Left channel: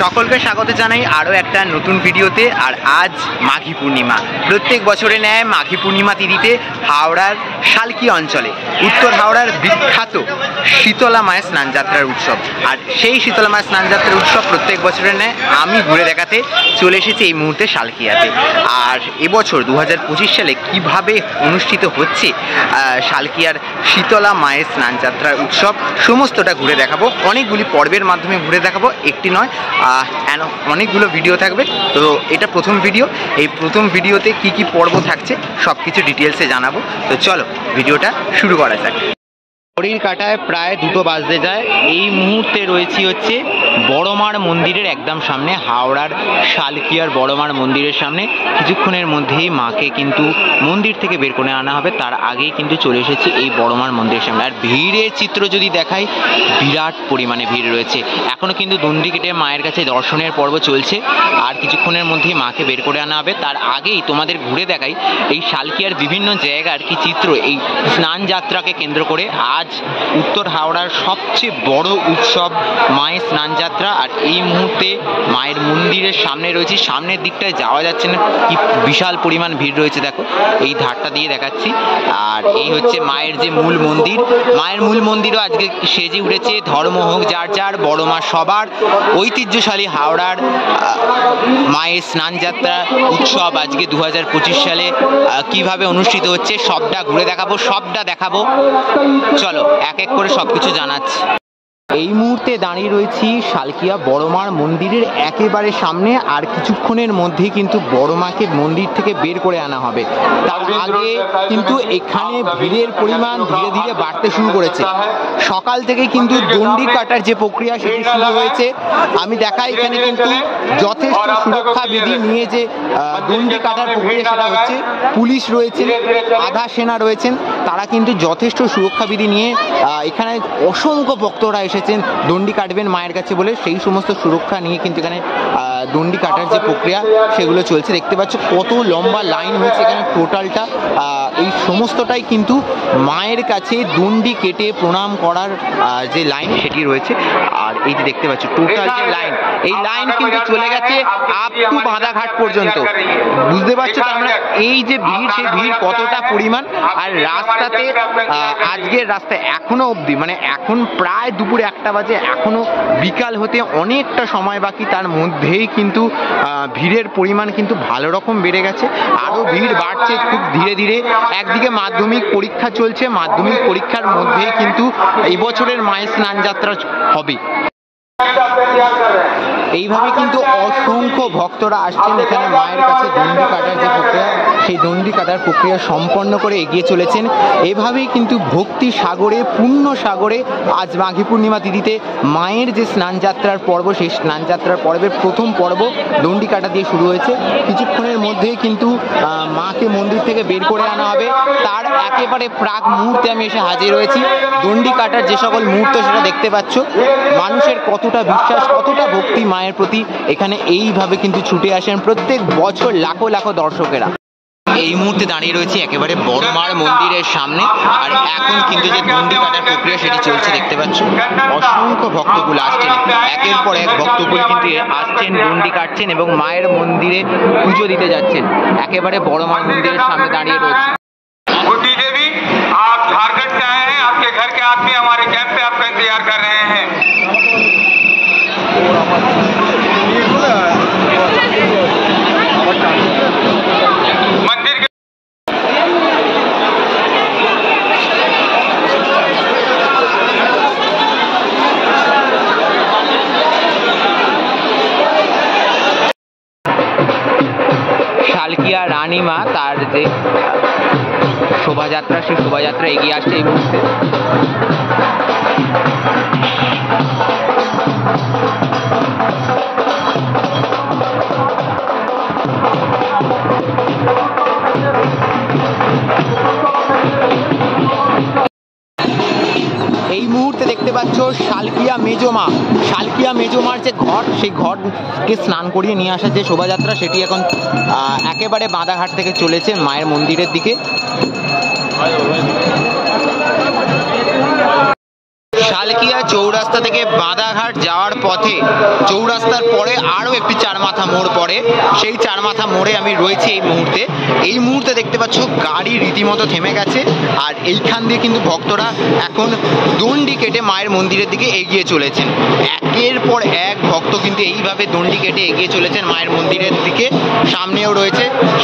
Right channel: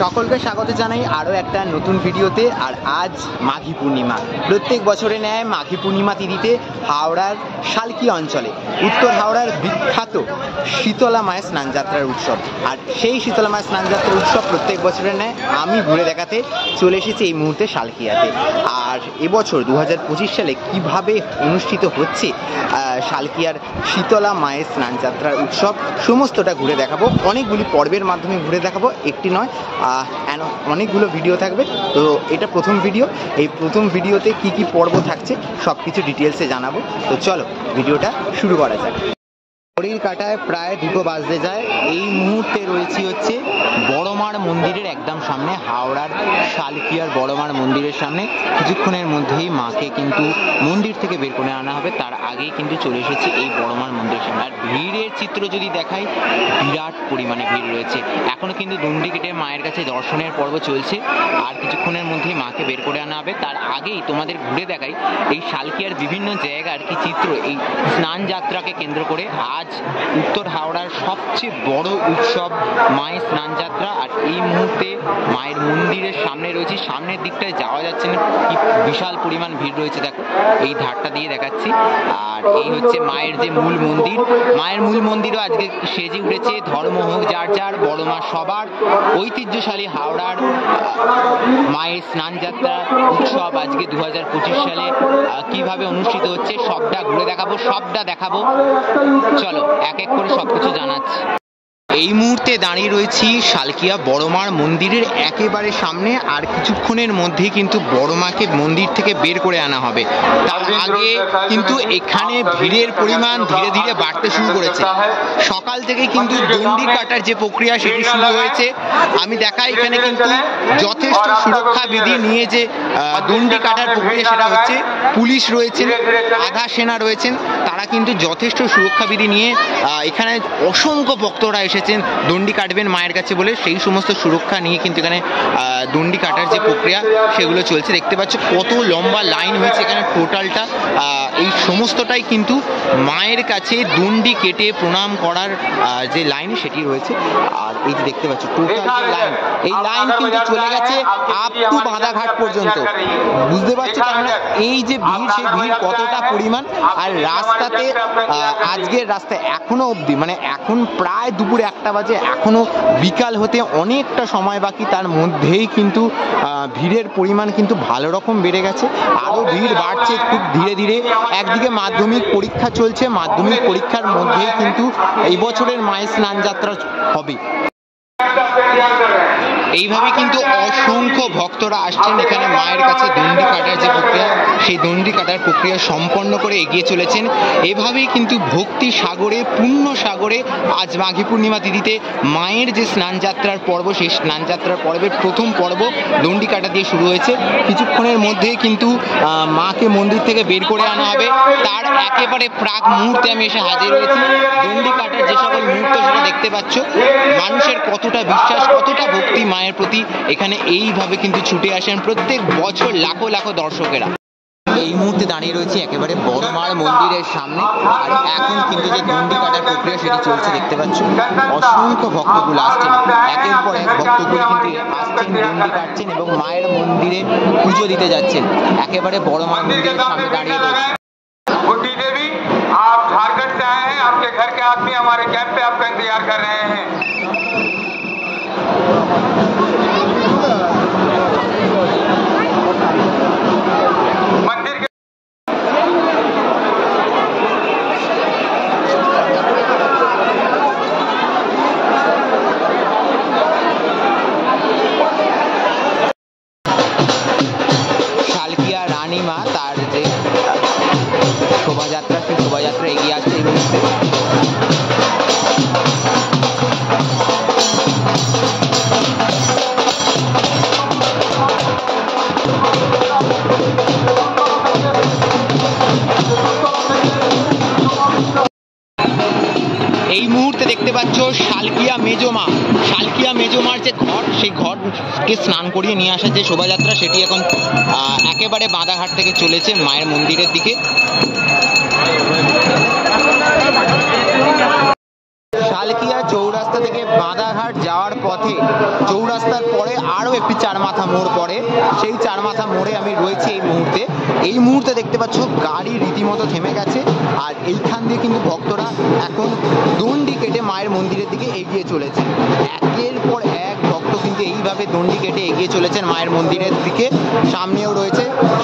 সকলকে স্বাগত জানাই আরও একটা নতুন ভিডিওতে। আর আজ মাঘী পূর্ণিমা। প্রত্যেক বছরে ন্যায় মাঘী পূর্ণিমা তিথিতে হাওড়ার শালকি অঞ্চলে উত্তর হাওড়ার বিখ্যাত শীতলা মায়ের স্নানযাত্রার উৎসব। আর সেই শীতলা মায়ের স্নানযাত্রার উৎসব প্রত্যেক বছরের ন্যায় আমি ঘুরে দেখাতে চলে এসেছি এই মুহূর্তে শালকিয়াতে। আর এবছর 2025 সালে কিভাবে অনুষ্ঠিত হচ্ছে শালকিয়ার শীতলা মায়ের স্নানযাত্রার উৎসব সমস্তটা ঘুরে দেখাবো। অনেকগুলি পর্বের মাধ্যমে ঘুরে দেখাবো, একটি নয় অনেকগুলো ভিডিও থাকবে। তো এটা প্রথম ভিডিও, এই প্রথম ভিডিওতে কি কি পর্ব থাকছে সব কিছু ডিটেলসে জানাবো। তো চলো ভিডিওটা শুরু করা যাক। ঘড়ির কাঁটায় প্রায় 2টো বাজতে যায়। এই মুহূর্তে রয়েছি হচ্ছে বড়মার মন্দিরের একদম সামনে, হাওড়ার শালকিয়ার বড়মার মন্দিরের সামনে। কিছুক্ষণের মধ্যেই মাকে কিন্তু মন্দির থেকে বের করে আনা হবে, তার আগেই কিন্তু চলে এসেছি এই বড়মার মন্দিরের সামনে। আর ভিড়ের চিত্র যদি দেখাই, বিরাট পরিমাণে ভিড় রয়েছে। এখনও কিন্তু দণ্ডি কেটে মায়ের কাছে দর্শনের পর্ব চলছে, আর কিছুক্ষণের মধ্যেই মাকে বের করে আনা হবে। তার আগেই তোমাদের ঘুরে দেখাই এই শালকিয়ার বিভিন্ন জায়গার কি চিত্র এই স্নান যাত্রাকে কেন্দ্র করে। আজ উত্তর হাওড়ার সবচেয়ে বড় উৎসব মায়ের স্নানযাত্রা। আর এই মুহূর্তে মায়ের মন্দিরের সামনে রয়েছে, সামনের দিকটায় যাওয়া যাচ্ছে না, কি বিশাল পরিমাণ ভিড় রয়েছে। দেখো এই ধারটা দিয়ে দেখাচ্ছি। আর এই হচ্ছে মায়ের যে মূল মন্দির, মায়ের মূল মন্দিরও আজকে সেজে উঠেছে। ধর্ম হোক যার যার, বড় মা সবার। ঐতিহ্যশালী হাওড়ার মায়ের স্নানযাত্রা উৎসব আজকে 2025 সালে কিভাবে অনুষ্ঠিত হচ্ছে সবটা ঘুরে দেখাবো, সবটা দেখাবো। চলো এক এক করে সবকিছু জানাচ্ছি। এই মুহূর্তে দাঁড়িয়ে রয়েছি শালকিয়া বড়মার মন্দিরের একেবারে সামনে। আর কিছুক্ষণের মধ্যেই কিন্তু বড়মাকে মন্দির থেকে বের করে আনা হবে। তার আগে কিন্তু এখানে ভিড়ের পরিমাণ ধীরে ধীরে বাড়তে শুরু করেছে। সকাল থেকে কিন্তু দণ্ডি কাটার যে প্রক্রিয়া সেটি শুরু হয়েছে। আমি দেখাই এখানে কিন্তু যথেষ্ট সুরক্ষা বিধি নিয়ে যে দণ্ডি কাটার প্রক্রিয়া সেটা হচ্ছে। পুলিশ রয়েছেন, আধা সেনা রয়েছেন, তারা কিন্তু যথেষ্ট সুরক্ষা বিধি নিয়ে এখানে অসংখ্য ভক্তরা এসেছেন দণ্ডি কাটবেন মায়ের কাছে বলে। সেই সমস্ত সুরক্ষা নিয়ে কিন্তু এখানে দণ্ডি কাটার যে প্রক্রিয়া সেগুলো চলছে। দেখতে পাচ্ছ কত লম্বা লাইন হয়েছে এখানে টোটালটা। এই সমস্তটাই কিন্তু মায়ের কাছে দণ্ডি কেটে প্রণাম করার যে লাইন সেটি রয়েছে। আর এই যে দেখতে পাচ্ছ টোটাল যে লাইন, এই লাইন কিন্তু চলে গেছে আপ টু বাঁধাঘাট পর্যন্ত। বুঝতে পারছো তার মানে এই যে ভিড়, সেই ভিড় কতটা পরিমাণ। আর রাস্তাতে আজকের রাস্তায় এখনো অবধি মানে এখন প্রায় দুপুর 1টা বাজে, এখনো বিকাল হতে অনেকটা সময় বাকি। তার মধ্যেই কিন্তু ভিড়ের পরিমাণ কিন্তু ভালো রকম বেড়ে গেছে, আরো ভিড় বাড়ছে খুব ধীরে ধীরে। একদিকে মাধ্যমিক পরীক্ষা চলছে, মাধ্যমিক পরীক্ষার মধ্যেই কিন্তু এই বছরের মায়ের স্নান যাত্রা হবে। এইভাবে কিন্তু অসংখ্য ভক্তরা আসছেন এখানে মায়ের কাছে দণ্ডি কাটার যে প্রক্রিয়া, সেই দণ্ডি কাটার প্রক্রিয়া সম্পন্ন করে এগিয়ে চলেছেন। এভাবেই কিন্তু ভক্তি সাগরে, পুণ্য সাগরে আজ মাঘী পূর্ণিমা তিথিতে মায়ের যে স্নানযাত্রার পর্ব, সেই স্নানযাত্রার পর্বের প্রথম পর্ব দণ্ডি কাটা দিয়ে শুরু হয়েছে। কিছুক্ষণের মধ্যেই কিন্তু মাকে মন্দির থেকে বের করে আনা হবে। তার একেবারে প্রাক মুহূর্তে আমি এসে হাজির হয়েছি। দণ্ডি কাটার যে সকল মুহূর্ত সেটা দেখতে পাচ্ছ। মানুষের কতটা বিশ্বাস, কতটা ভক্তি মায়ের প্রতি, এখানে এইভাবে কিন্তু ছুটে আসেন প্রত্যেক বছর লাখো লাখো দর্শকেরা। এই মুহূর্তে দাঁড়িয়ে রয়েছে একেবারে বড়মার মন্দিরের সামনে। আর এখন কিন্তু যে দণ্ডি কাটার প্রক্রিয়া সেটি চলছে দেখতে পাচ্ছ। অসংখ্য ভক্তকুল আসছেন, একের পর এক ভক্তকুল কিন্তু আসছেন, দণ্ডি কাটছেন এবং মায়ের মন্দিরে পুজো দিতে যাচ্ছেন। একেবারে বড়মার মন্দিরের সামনে দাঁড়িয়ে রয়েছে। শালকিয়া রানীমা তার যে শোভাযাত্রা, সেই শোভাযাত্রা এগিয়ে আসছে এই মুহূর্তে। এই মুহূর্তে দেখতে পাচ্ছ শালকিয়া মেজমা, শালকিয়া মেজমার যে ঘট, সেই ঘটকে স্নান করিয়ে নিয়ে আসার যে শোভাযাত্রা সেটি এখন একেবারে বাঁধাঘাট থেকে চলেছে মায়ের মন্দিরের দিকে। শালকিয়া চৌরাস্তা থেকে বাঁধাঘাট যাওয়ার পথে চৌরাস্তার পরে আরও একটি চারমাথা মোড় পড়ে, সেই চারমাথা মোড়ে আমি রয়েছি এই মুহূর্তে দেখতে পাচ্ছ গাড়ি রীতিমতো থেমে গেছে। আর এইখান দিয়ে কিন্তু ভক্তরা এখন দণ্ডি কেটে মায়ের মন্দিরের দিকে এগিয়ে চলেছেন। একের পর এক ভক্ত কিন্তু এইভাবে দণ্ডি কেটে এগিয়ে চলেছেন মায়ের মন্দিরের দিকে।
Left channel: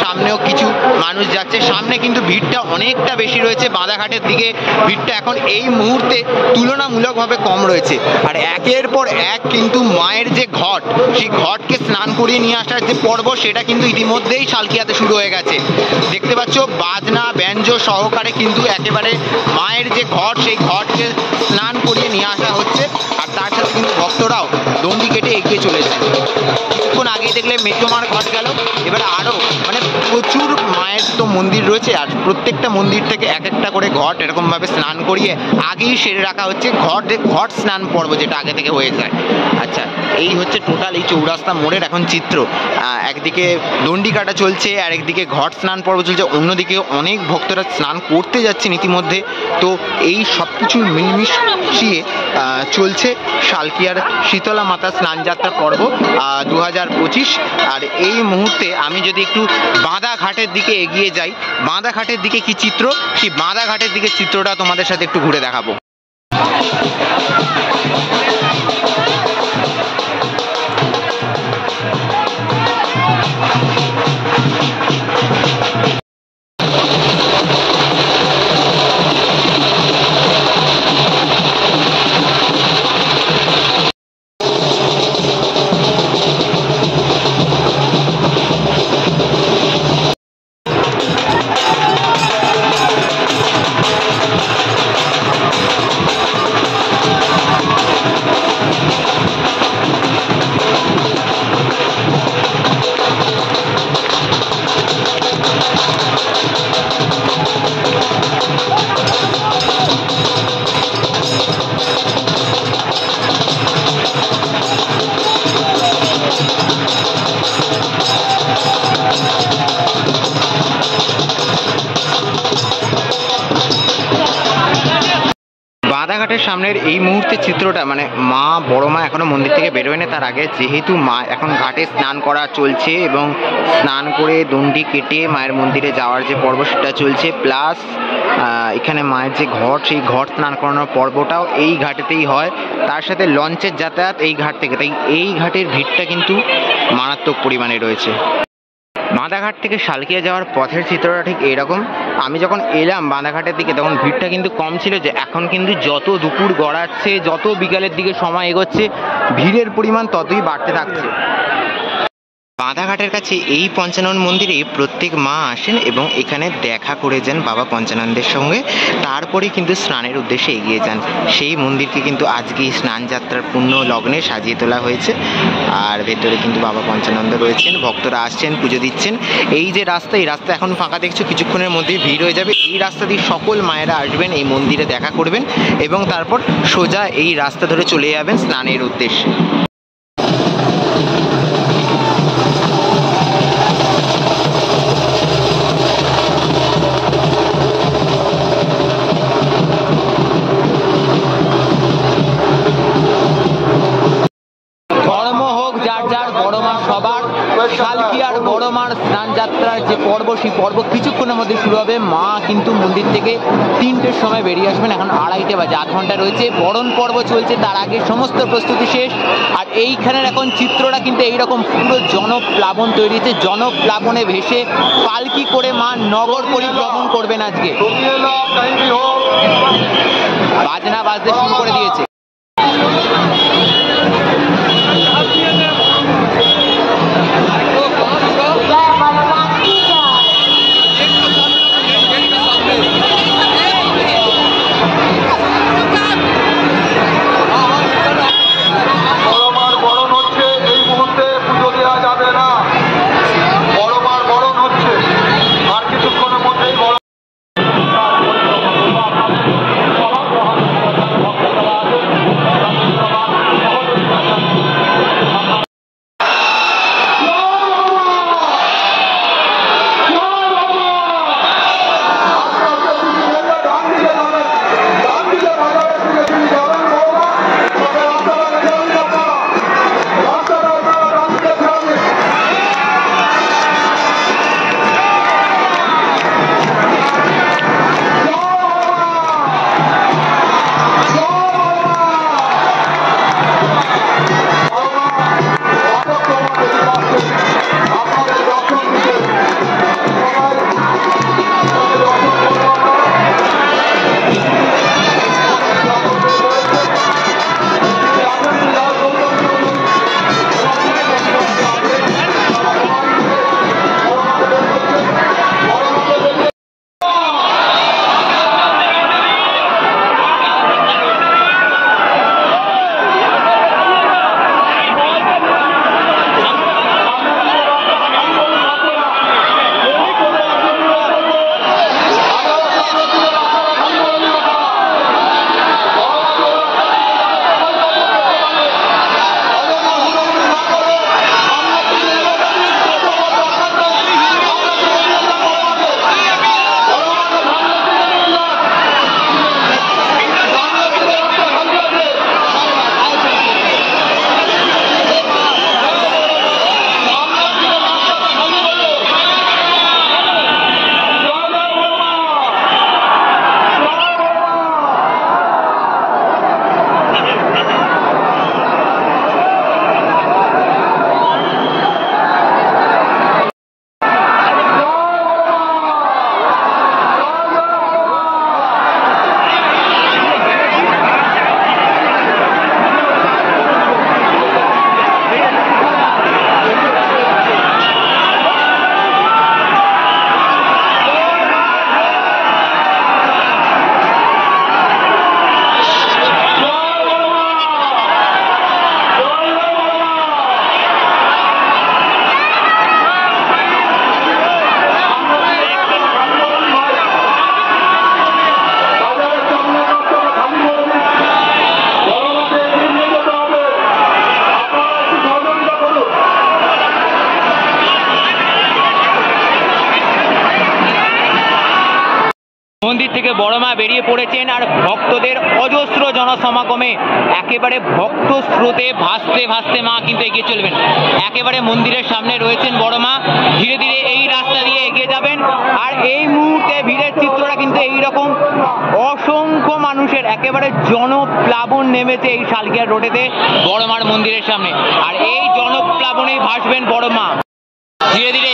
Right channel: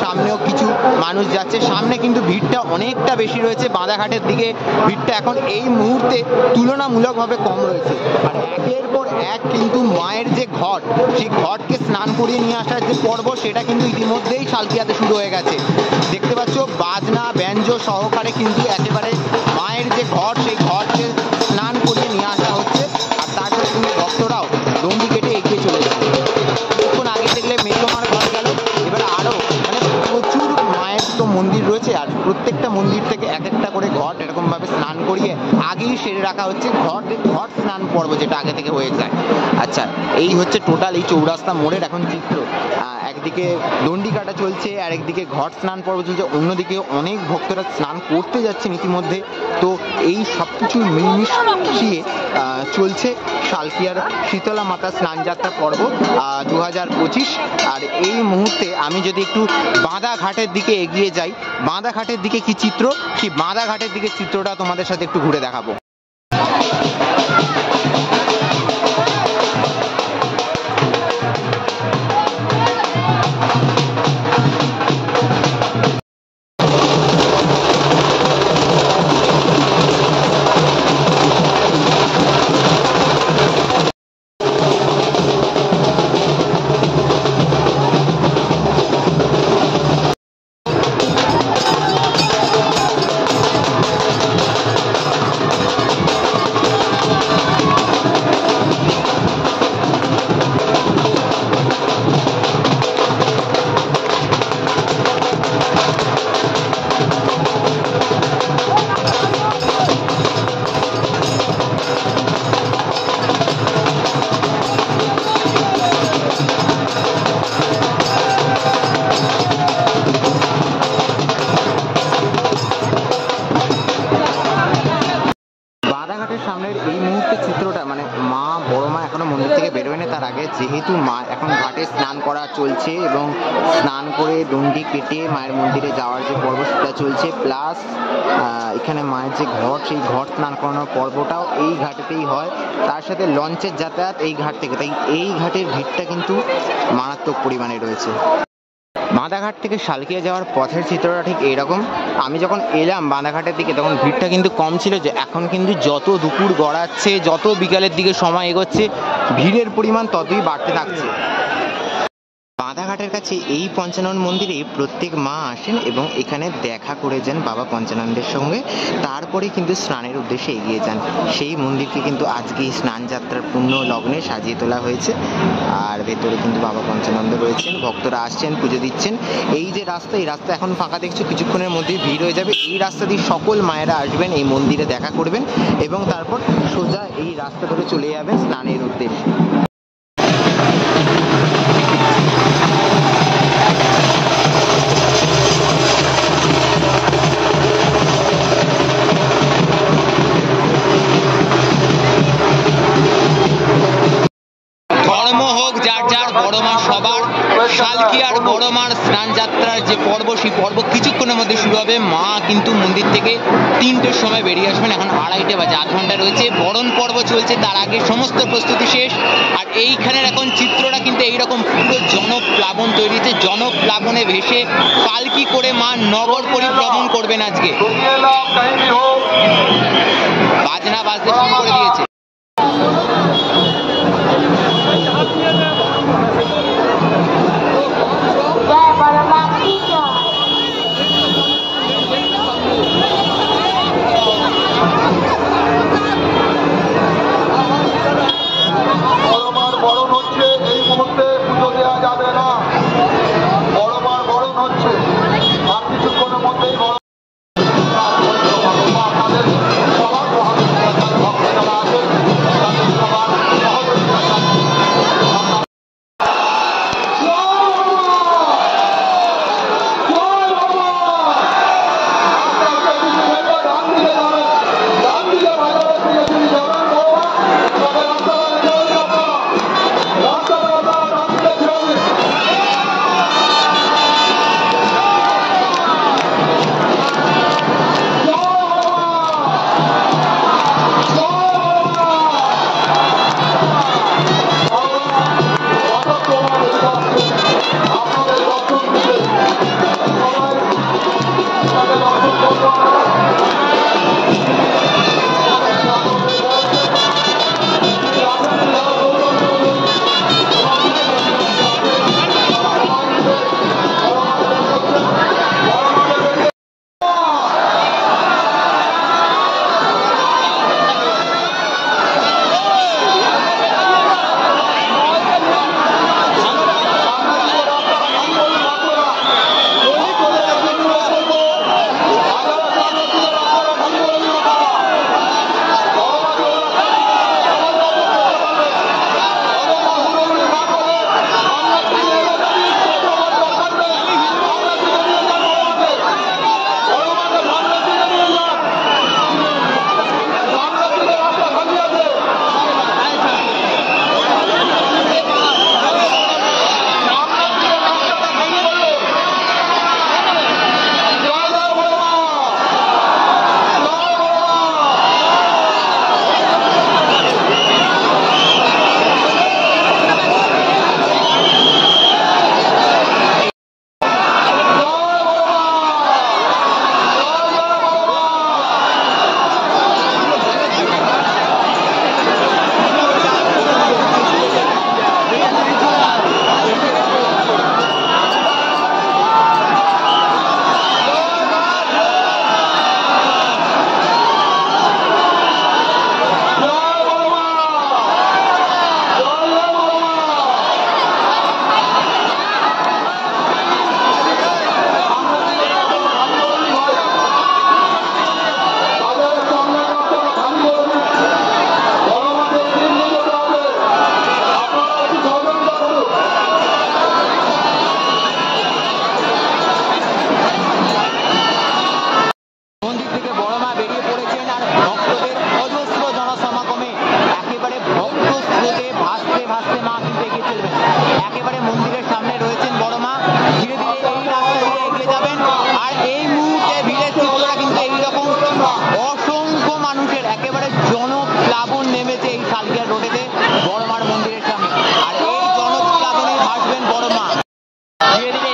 সামনেও কিছু মানুষ যাচ্ছে। সামনে কিন্তু ভিড়টা অনেকটা বেশি রয়েছে, বাঁধাঘাটের দিকে ভিড়টা এখন এই মুহূর্তে তুলনামূলকভাবে কম রয়েছে। আর একের পর এক কিন্তু মায়ের যে ঘট, সেই ঘটকে স্নান করিয়ে নিয়ে আসার যে পর্ব, সেটা কিন্তু ইতিমধ্যেই শালকিয়াতে শুরু হয়ে গেছে। দেখতে পাচ্ছ বাজনা ব্যঞ্জ সহকারে কিন্তু একেবারে মায়ের যে ঘট, সেই ঘটকে স্নান করিয়ে নিয়ে আসা হচ্ছে। আর তার সাথে কিন্তু ভক্তরাও দণ্ডি কেটে এগিয়ে চলেছে। কিছুক্ষণ আগে দেখলে মেজমার ঘট গেল, এবারে আরও মানে প্রচুর মায়ের তো মন্দির রয়েছে, আর প্রত্যেকটা মন্দির থেকে এক একটা করে ঘট এরকমভাবে স্নান করিয়ে আগেই সেরে রাখা হচ্ছে। ঘট স্নান পর্ব যেটা আগে থেকে হয়ে যায়। আচ্ছা, এই হচ্ছে টোটাল এই চৌরাস্তা মোড়ের এখন চিত্র। একদিকে দণ্ডি কাটা চলছে, আর একদিকে ঘট স্নান পর্ব চলছে, অন্যদিকে অনেক ভক্তরা স্নান করতে যাচ্ছেন ইতিমধ্যে। তো এই সব কিছুর মিলমিশিয়ে চলছে শালকিয়ার শীতলা মাতা স্নানযাত্রা পর্ব 2025। আর এই মুহূর্তে আমি যদি একটু বাঁধাঘাটের দিকে এগিয়ে যাই, বাঁধাঘাটের দিকে কি চিত্র, সেই বাঁধাঘাটের দিকে চিত্রটা তোমাদের সাথে একটু ঘুরে দেখাবো। বাঁধাঘাটের সামনের এই মুহূর্তে চিত্রটা মানে মা বড় মা এখনো মন্দির থেকে বেরোয়নি। তার আগে যেহেতু মা এখন ঘাটে স্নান করা চলছে এবং স্নান করে দণ্ডি কেটে মায়ের মন্দিরে যাওয়ার যে পর্ব সেটা চলছে, প্লাস এখানে মায়ের যে ঘট, সেই ঘট স্নান করানোর পর্বটাও এই ঘাটেতেই হয়। তার সাথে লঞ্চের যাতায়াত এই ঘাট থেকে, তাই এই ঘাটের ভিড়টা কিন্তু মারাত্মক পরিমাণে রয়েছে। বাঁধাঘাট থেকে শালকিয়া যাওয়ার পথের চিত্রটা ঠিক এইরকম। আমি যখন এলাম বাঁধাঘাটের দিকে তখন ভিড়টা কিন্তু কম ছিল, যে এখন কিন্তু যত দুপুর গড়াচ্ছে, যত বিকালের দিকে সময় এগোচ্ছে, ভিড়ের পরিমাণ ততই বাড়তে থাকছে। বাঁধাঘাটের কাছে এই পঞ্চানন মন্দিরে প্রত্যেক মা আসেন এবং এখানে দেখা করে যান বাবা পঞ্চানন্দের সঙ্গে, তারপরে কিন্তু স্নানের উদ্দেশ্যে এগিয়ে যান। সেই মন্দিরকে কিন্তু আজকে এই স্নান যাত্রার পূর্ণ লগ্নে সাজিয়ে তোলা হয়েছে। আর ভেতরে কিন্তু বাবা পঞ্চানন্দ রয়েছেন, ভক্তরা আসছেন, পুজো দিচ্ছেন। এই যে রাস্তা, এই রাস্তা এখন ফাঁকা দেখছো, কিছুক্ষণের মধ্যেই ভিড় হয়ে যাবে। এই রাস্তা দিয়ে সকল মায়েরা আসবেন, এই মন্দিরে দেখা করবেন এবং তারপর সোজা এই রাস্তা ধরে চলে যাবেন স্নানের উদ্দেশ্যে। সবার শালকিয়ার বড় মার স্নান যাত্রার যে পর্ব, সেই পর্ব কিছুক্ষণের মধ্যে শুরু হবে। মা কিন্তু মন্দির থেকে 3টের সময় বেরিয়ে আসবেন, এখন 2:30 বাজে, 8 ঘন্টা রয়েছে। বরণ পর্ব চলছে, তার আগে সমস্ত প্রস্তুতি শেষ। আর এইখানের এখন চিত্রটা কিন্তু এইরকম, পুরো জনপ্লাবন তৈরি হয়েছে। জনপ্লাবনে ভেসে পালকি করে মা নগর পরিভ্রমণ করবেন আজকে। বাজনা বাজতে শুরু করে দিয়েছে। আপনাদের সবার গ্রহণ ভক্তরা আছেন। বড় মা বেরিয়ে পড়েছেন আর ভক্তদের অজস্র জনসমাগমে একেবারে ভক্ত স্রোতে ভাসতে ভাসতে মা কিন্তু এগিয়ে চলবেন। একেবারে মন্দিরের সামনে রয়েছেন বড় মা, ধীরে ধীরে এই রাস্তা দিয়ে এগিয়ে যাবেন। আর এই মুহূর্তে ভিড়ের চিত্রটা কিন্তু এইরকম, অসংখ্য মানুষের একেবারে জনপ্লাবন নেমেছে এই শালকিয়ার রোডেতে বড় মার মন্দিরের সামনে। আর এই জনপ্লাবনেই ভাসবেন বড় মা, ধীরে ধীরে